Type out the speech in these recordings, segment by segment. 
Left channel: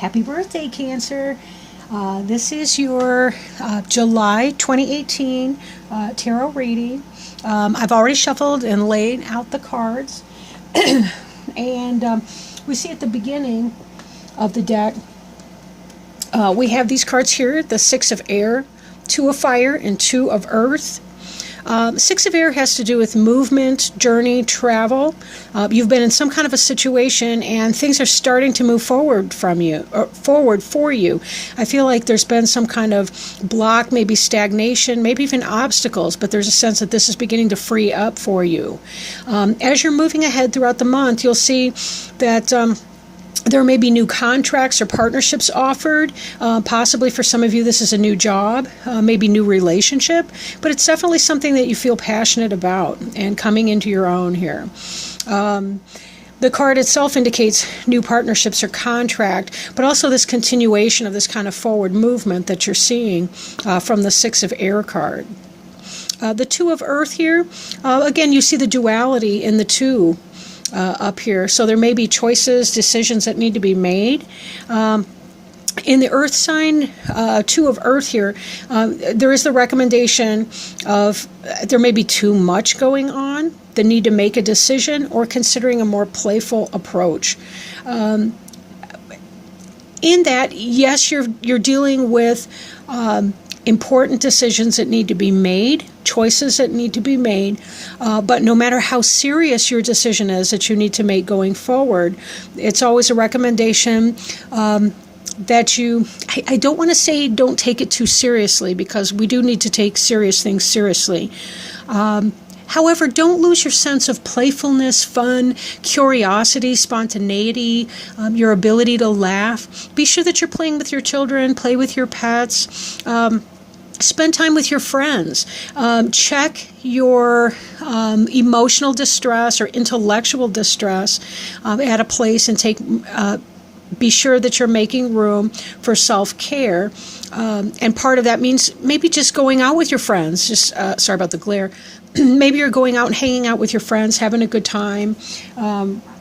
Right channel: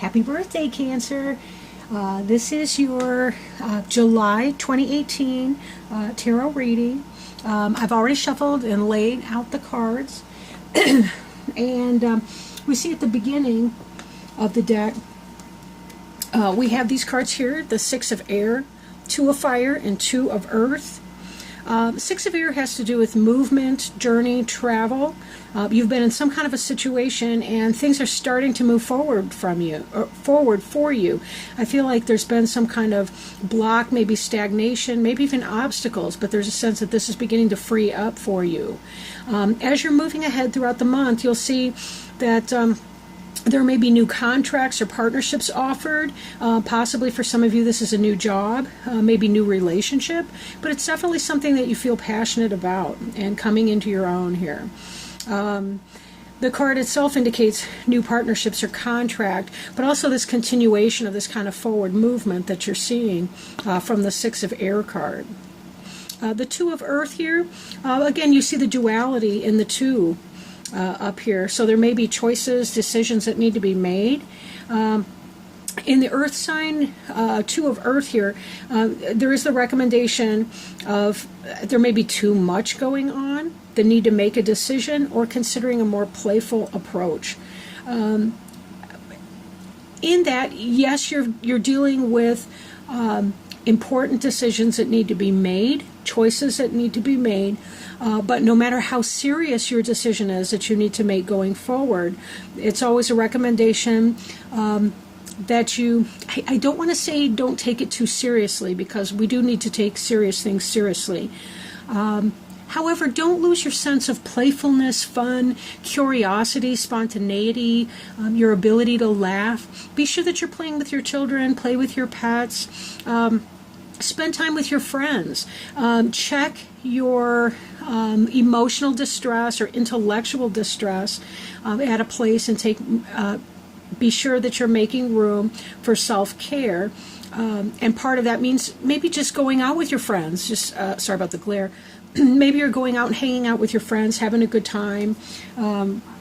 Happy birthday, Cancer. This is your July 2018 tarot reading. I've already shuffled and laid out the cards. And we see at the beginning of the deck, we have these cards here, the Six of Air, Two of Fire, and Two of Earth. Six of Air has to do with movement, journey, travel. You've been in some kind of a situation and things are starting to move forward from you, or forward for you. I feel like there's been some kind of block, maybe stagnation, maybe even obstacles, but there's a sense that this is beginning to free up for you. As you're moving ahead throughout the month, you'll see that there may be new contracts or partnerships offered. Possibly for some of you, this is a new job, maybe new relationship, but it's definitely something that you feel passionate about and coming into your own here. The card itself indicates new partnerships or contract, but also this continuation of this kind of forward movement that you're seeing from the Six of Air card. The Two of Earth here, again, you see the duality in the two up here. So there may be choices, decisions that need to be made. In the Earth sign, Two of Earth here, there is the recommendation of there may be too much going on, the need to make a decision, or considering a more playful approach. In that, yes, you're dealing with important decisions that need to be made, choices that need to be made, but no matter how serious your decision is that you need to make going forward, it's always a recommendation that you, I don't want to say don't take it too seriously, because we do need to take serious things seriously. However, don't lose your sense of playfulness, fun, curiosity, spontaneity, your ability to laugh. Be sure that you're playing with your children, play with your pets, spend time with your friends. Check your emotional distress or intellectual distress at a place and be sure that you're making room for self-care. And part of that means maybe just going out with your friends. Sorry about the glare. Maybe you're going out and hanging out with your friends, having a good time,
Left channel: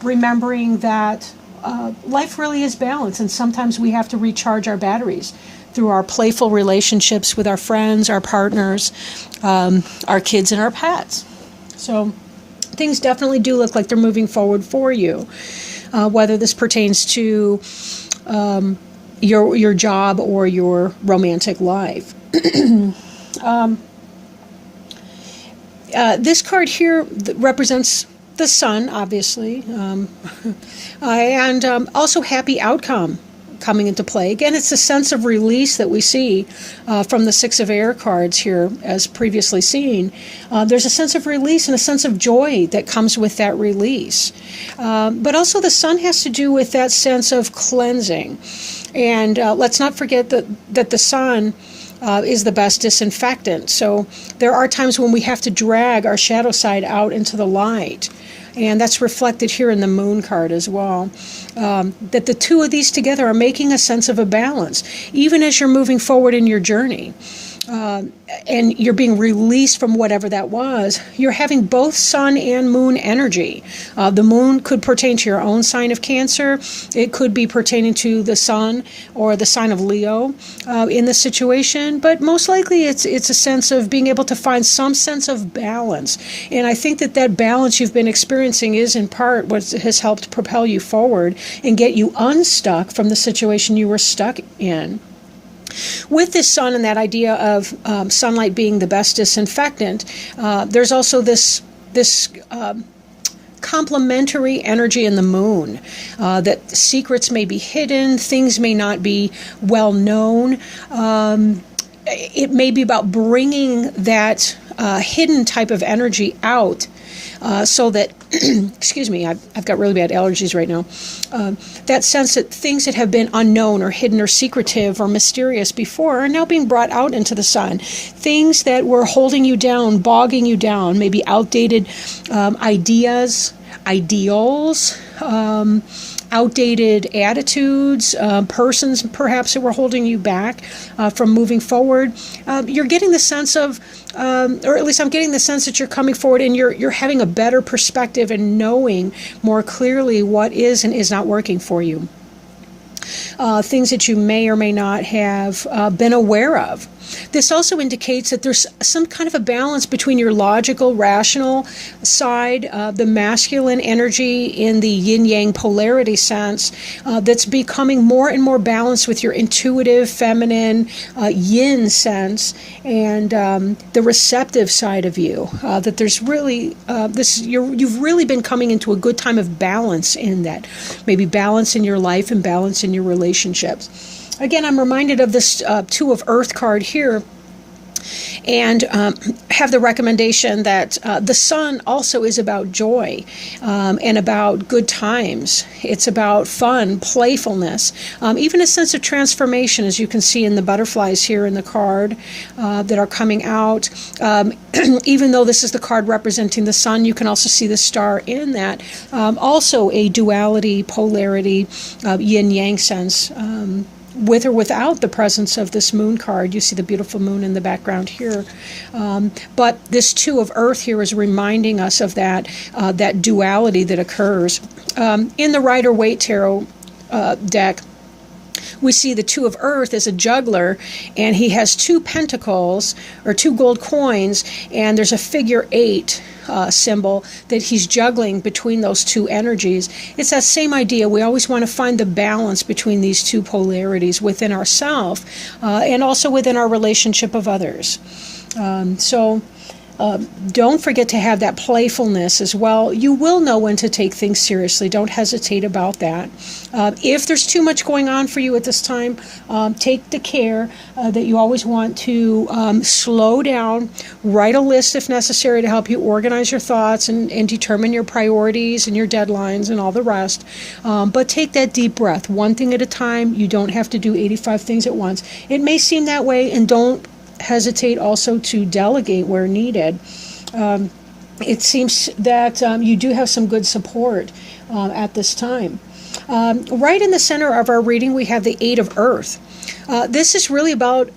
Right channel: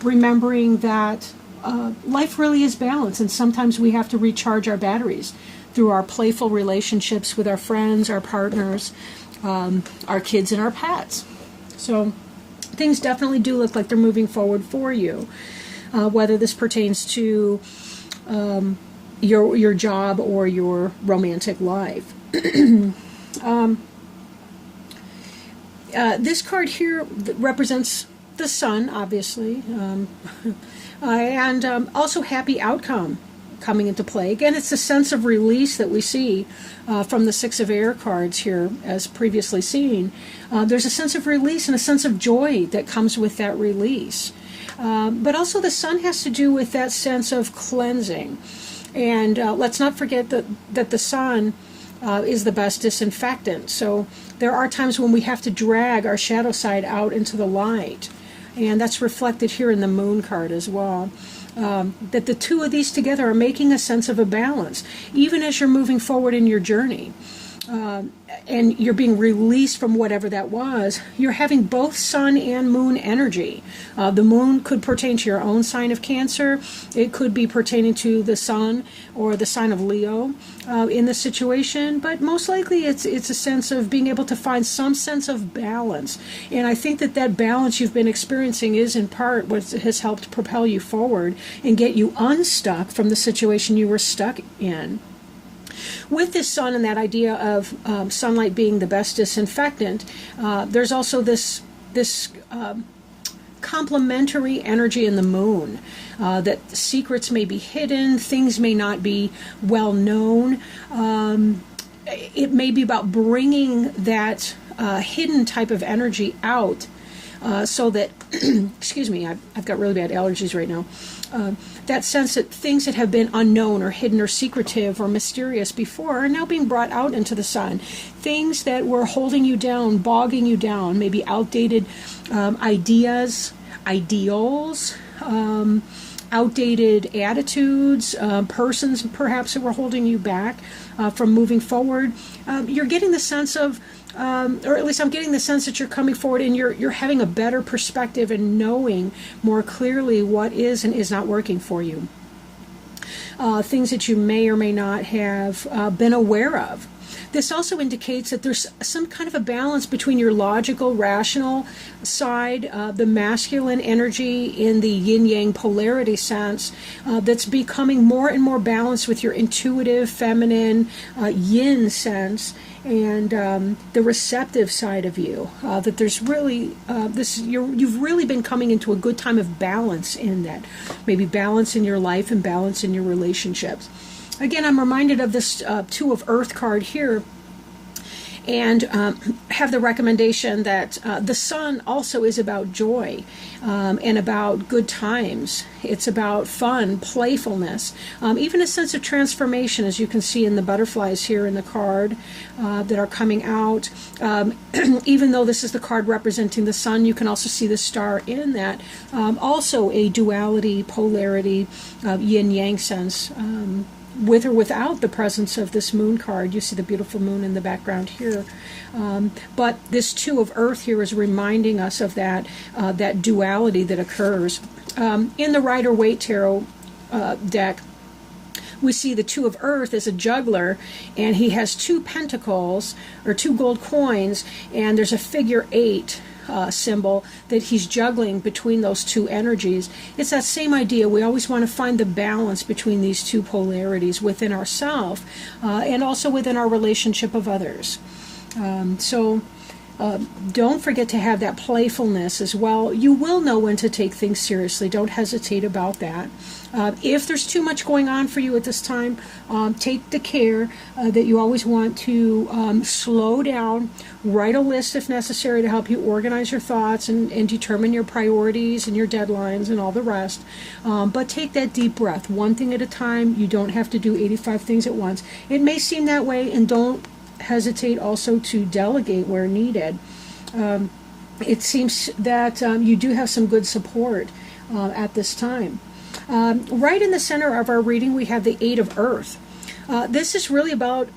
remembering that life really is balance, and sometimes we have to recharge our batteries through our playful relationships with our friends, our partners, our kids, and our pets. So things definitely do look like they're moving forward for you, whether this pertains to your job or your romantic life. This card here represents the sun, obviously, and also happy outcome coming into play. Again, it's a sense of release that we see from the Six of Air cards here, as previously seen. There's a sense of release and a sense of joy that comes with that release. But also the sun has to do with that sense of cleansing. And let's not forget that the sun is the best disinfectant. So there are times when we have to drag our shadow side out into the light. And that's reflected here in the moon card as well. That the two of these together are making a sense of a balance, even as you're moving forward in your journey. And you're being released from whatever that was. You're having both sun and moon energy. The moon could pertain to your own sign of Cancer. It could be pertaining to the sun or the sign of Leo in the situation. But most likely it's a sense of being able to find some sense of balance. And I think that balance you've been experiencing is in part what has helped propel you forward and get you unstuck from the situation you were stuck in. With this sun and that idea of sunlight being the best disinfectant, there's also this complementary energy in the moon, that secrets may be hidden, things may not be well known. It may be about bringing that hidden type of energy out, so that, excuse me, I've got really bad allergies right now. That sense that things that have been unknown or hidden or secretive or mysterious before are now being brought out into the sun. Things that were holding you down, bogging you down, maybe outdated ideas, ideals, outdated attitudes, persons perhaps that were holding you back from moving forward. You're getting the sense of, or at least I'm getting the sense that you're coming forward and you're having a better perspective and knowing more clearly what is and is not working for you. things that you may or may not have been aware of. This also indicates that there's some kind of a balance between your logical, rational side, the masculine energy in the yin-yang polarity sense, that's becoming more and more balanced with your intuitive, feminine, yin sense, and the receptive side of you. That there's really you've really been coming into a good time of balance in that, maybe balance in your life and balance in your relationships. Again, I'm reminded of this Two of Earth card here, and have the recommendation that the sun also is about joy and about good times. It's about fun, playfulness, even a sense of transformation, as you can see in the butterflies here in the card that are coming out. Even though this is the card representing the sun, you can also see the star in that. Also a duality, polarity, yin-yang sense. With or without the presence of this moon card. You see the beautiful moon in the background here. But this Two of Earth here is reminding us of that duality that occurs. In the Rider-Waite Tarot deck, we see the Two of Earth as a juggler, and he has two pentacles, or two gold coins, and there's a figure 8 symbol that he's juggling between those two energies. It's that same idea. We always want to find the balance between these two polarities within ourselves and also within our relationship of others. Don't forget to have that playfulness as well. You will know when to take things seriously. Don't hesitate about that. If there's too much going on for you at this time, take the care that you always want to slow down, write a list if necessary to help you organize your thoughts and determine your priorities and your deadlines and all the rest. But take that deep breath, one thing at a time. You don't have to do 85 things at once. It may seem that way, and don't hesitate also to delegate where needed. It seems that you do have some good support at this time. Right in the center of our reading, we have the Eight of Earth. This is really about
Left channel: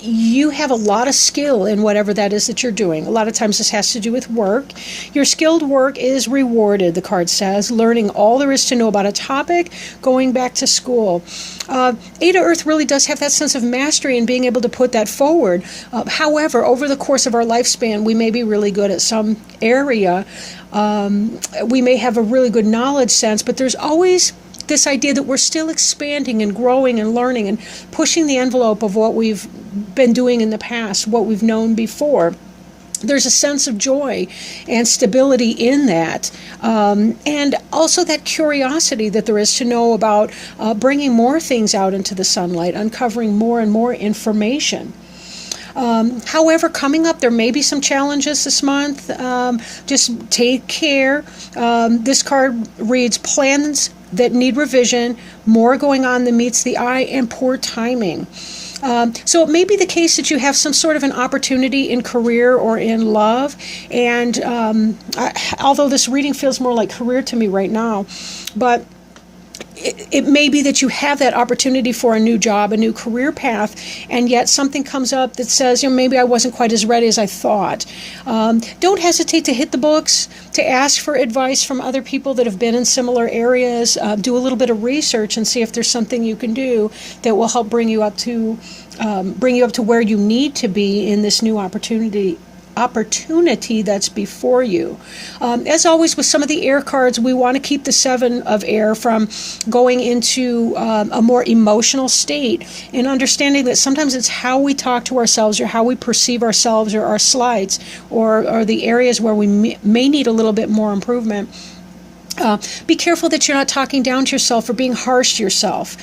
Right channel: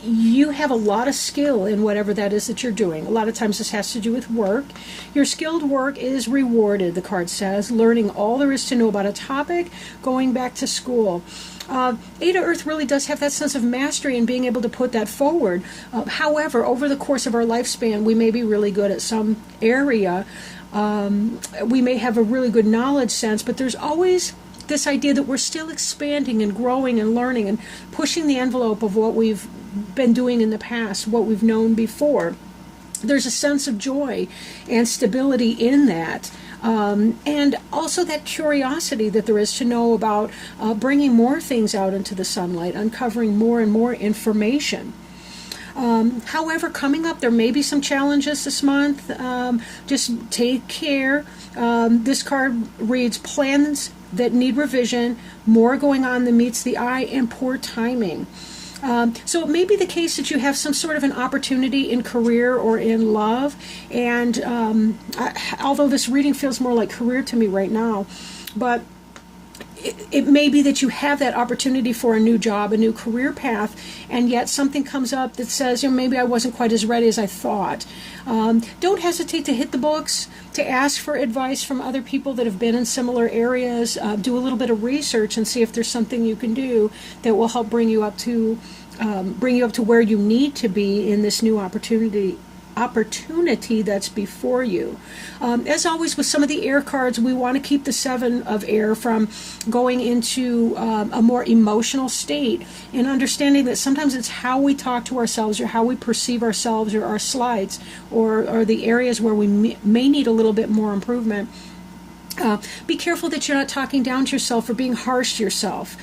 you have a lot of skill in whatever that is that you're doing. A lot of times this has to do with work. Your skilled work is rewarded, the card says, learning all there is to know about a topic, going back to school. Eight of Earth really does have that sense of mastery and being able to put that forward. However, over the course of our lifespan, we may be really good at some area. We may have a really good knowledge sense, but there's always this idea that we're still expanding and growing and learning and pushing the envelope of what we've been doing in the past, what we've known before. There's a sense of joy and stability in that. And also that curiosity that there is to know about bringing more things out into the sunlight, uncovering more and more information. However, coming up, there may be some challenges this month. Just take care. This card reads plans that need revision, more going on than meets the eye, and poor timing. So it may be the case that you have some sort of an opportunity in career or in love, and although this reading feels more like career to me right now, but it may be that you have that opportunity for a new job, a new career path, and yet something comes up that says, maybe I wasn't quite as ready as I thought. Don't hesitate to hit the books, to ask for advice from other people that have been in similar areas. Do a little bit of research and see if there's something you can do that will help bring you up to where you need to be in this new opportunity that's before you. As always with some of the air cards, we want to keep the Seven of Air from going into a more emotional state, and understanding that sometimes it's how we talk to ourselves or how we perceive ourselves or our slights or the areas where we may need a little bit more improvement. Be careful that you're not talking down to yourself or being harsh to yourself,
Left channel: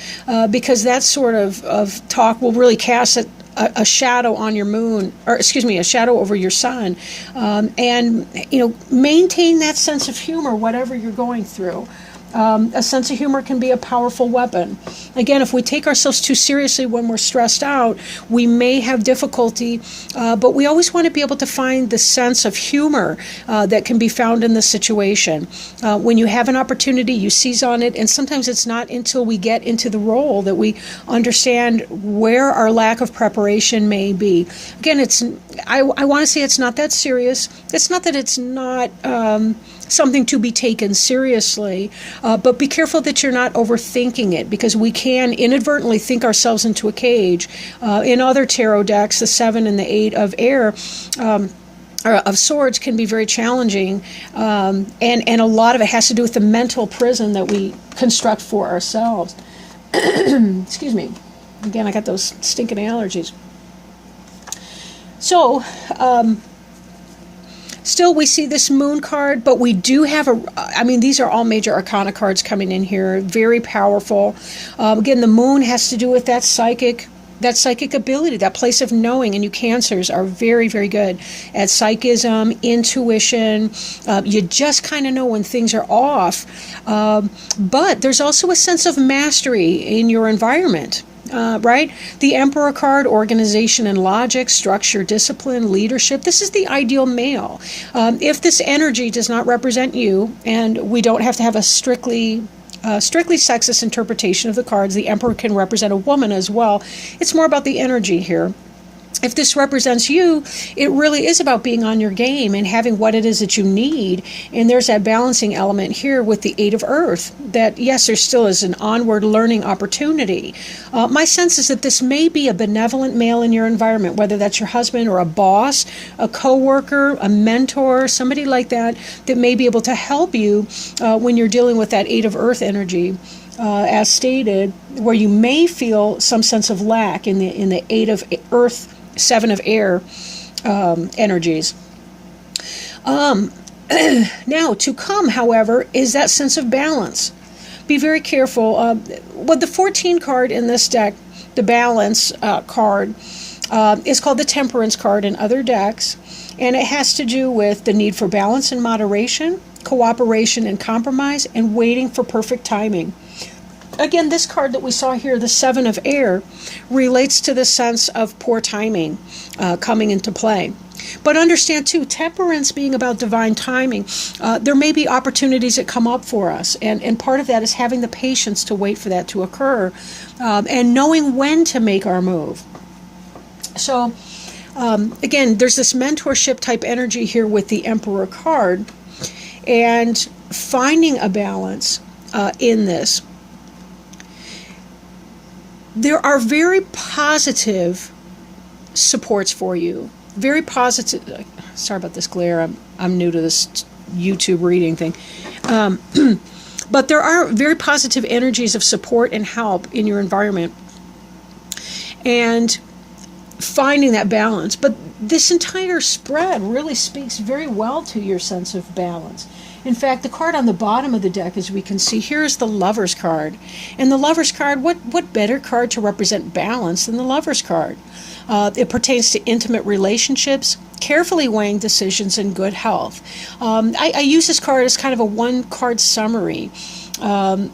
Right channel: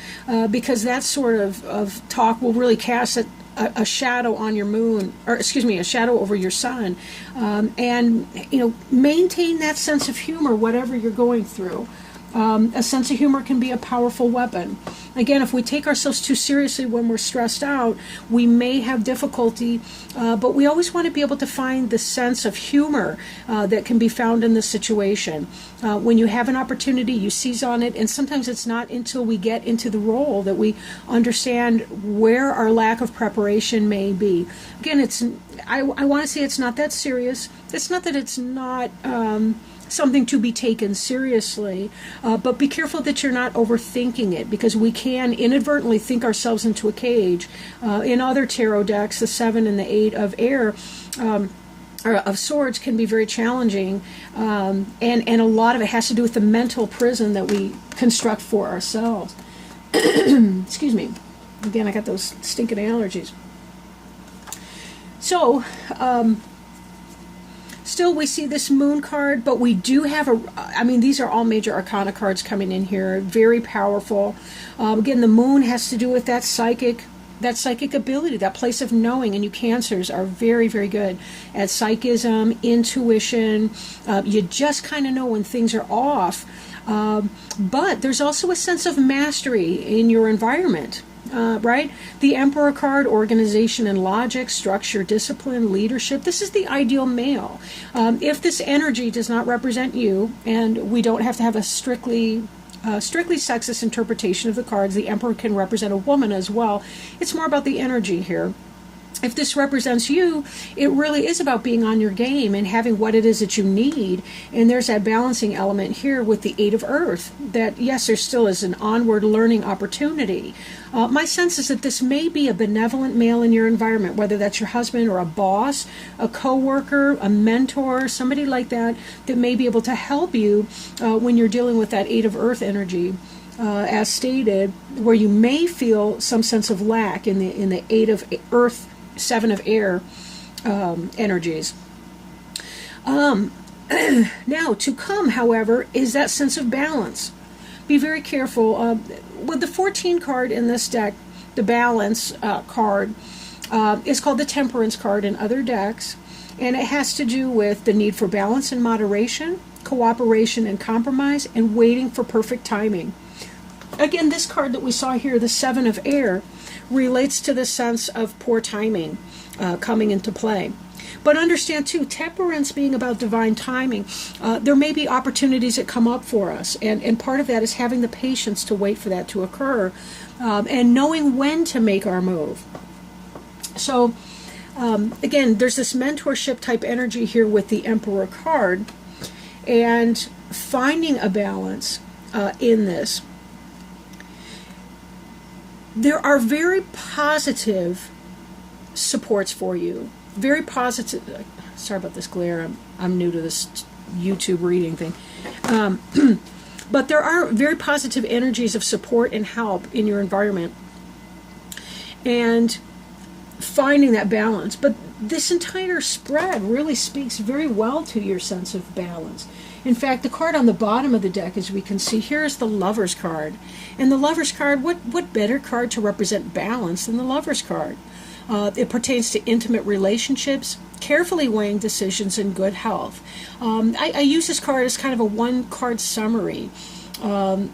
because that sort of talk will really cast a shadow on your moon, or a shadow over your sun. And maintain that sense of humor, whatever you're going through. A sense of humor can be a powerful weapon. Again, if we take ourselves too seriously when we're stressed out, we may have difficulty, but we always want to be able to find the sense of humor that can be found in the situation. When you have an opportunity, you seize on it, and sometimes it's not until we get into the role that we understand where our lack of preparation may be. Again, I want to say it's not that serious. It's not that it's not something to be taken seriously, but be careful that you're not overthinking it, because we can inadvertently think ourselves into a cage. In other tarot decks, the 7 and the 8 of air, or of swords, can be very challenging, and a lot of it has to do with the mental prison that we construct for ourselves. Excuse me. Again, I got those stinking allergies. So, still, we see this moon card, but we do have these are all major arcana cards coming in here, very powerful. Again, the moon has to do with that psychic ability, that place of knowing, and you Cancers are very, very good at psychism, intuition. You just kind of know when things are off. But there's also a sense of mastery in your environment. Right? The Emperor card, organization and logic, structure, discipline, leadership. This is the ideal male. If this energy does not represent you, and we don't have to have a strictly sexist interpretation of the cards, the Emperor can represent a woman as well. It's more about the energy here. If this represents you, it really is about being on your game and having what it is that you need. And there's that balancing element here with the 8 of Earth, that yes, there still is an onward learning opportunity. My sense is that this may be a benevolent male in your environment, whether that's your husband or a boss, a coworker, a mentor, somebody like that, that may be able to help you when you're dealing with that 8 of Earth energy. As stated, where you may feel some sense of lack in the 8 of Earth, 7 of air energies. Now, to come, however, is that sense of balance. Be very careful. With the 14 card in this deck, the balance card, is called the Temperance card in other decks, and it has to do with the need for balance and moderation, cooperation and compromise, and waiting for perfect timing. Again, this card that we saw here, the 7 of air, relates to the sense of poor timing coming into play. But understand, too, temperance being about divine timing, there may be opportunities that come up for us. And part of that is having the patience to wait for that to occur and knowing when to make our move. So, again, there's this mentorship type energy here with the Emperor card, and finding a balance in this. There are very positive supports for you. Very positive. Sorry about this glare. I'm new to this YouTube reading thing. But there are very positive energies of support and help in your environment. And finding that balance. But this entire spread really speaks very well to your sense of balance. In fact, the card on the bottom of the deck, as we can see here, is the Lover's card. And the Lover's card, what better card to represent balance than the Lover's card? It pertains to intimate relationships, carefully weighing decisions, and good health. I use this card as kind of a one-card summary,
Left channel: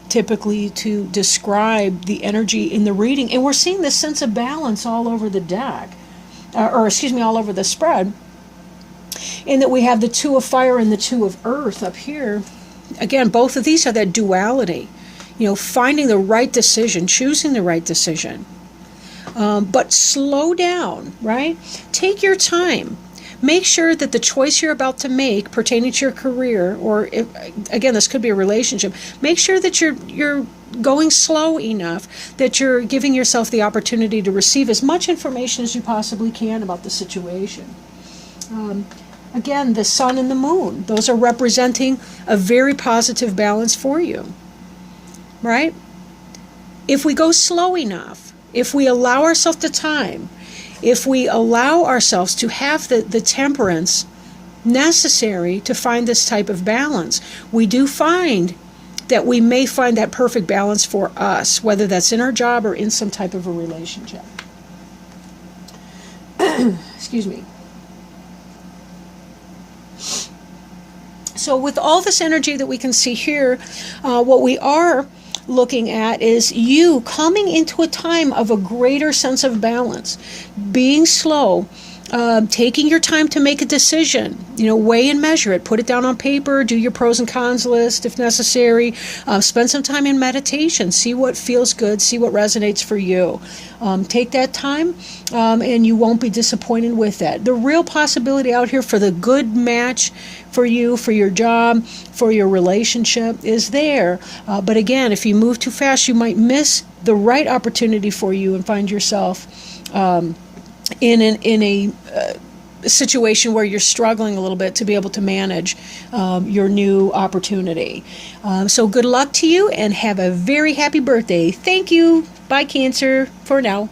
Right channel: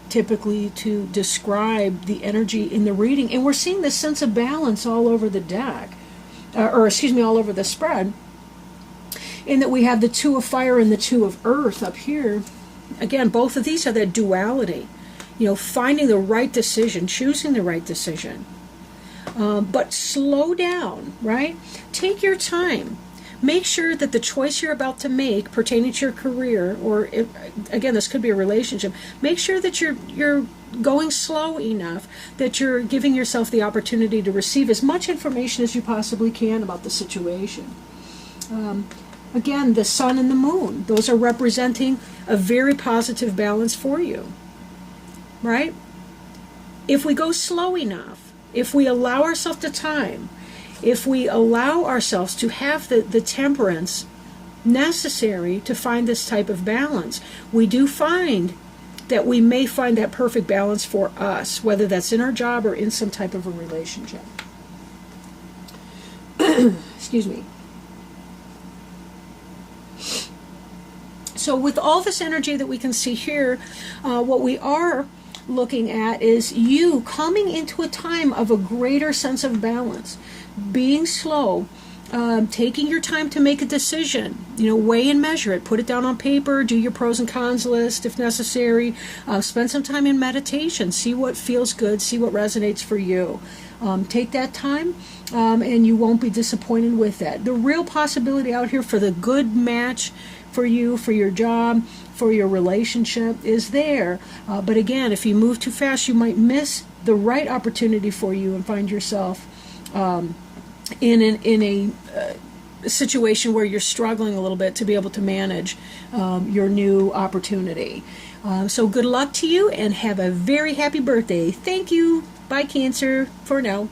typically to describe the energy in the reading. And we're seeing this sense of balance all over the deck, all over the spread. In that we have the 2 of fire and the 2 of earth up here. Again, both of these are that duality. Finding the right decision, choosing the right decision. But slow down, right? Take your time. Make sure that the choice you're about to make pertaining to your career, or again, this could be a relationship, make sure that you're going slow enough that you're giving yourself the opportunity to receive as much information as you possibly can about the situation. Again, the sun and the moon, those are representing a very positive balance for you, right? If we go slow enough, if we allow ourselves the time, if we allow ourselves to have the temperance necessary to find this type of balance, we do find that we may find that perfect balance for us, whether that's in our job or in some type of a relationship. Excuse me. So with all this energy that we can see here, what we are looking at is you coming into a time of a greater sense of balance, being slow, taking your time to make a decision. Weigh and measure it. Put it down on paper. Do your pros and cons list if necessary. Spend some time in meditation. See what feels good. See what resonates for you. Take that time, and you won't be disappointed with that. The real possibility out here for the good match for you, for your job, for your relationship is there. But again, if you move too fast, you might miss the right opportunity for you and find yourself in a situation where you're struggling a little bit to be able to manage your new opportunity. So good luck to you, and have a very happy birthday. Thank you. Bye, Cancer, for now.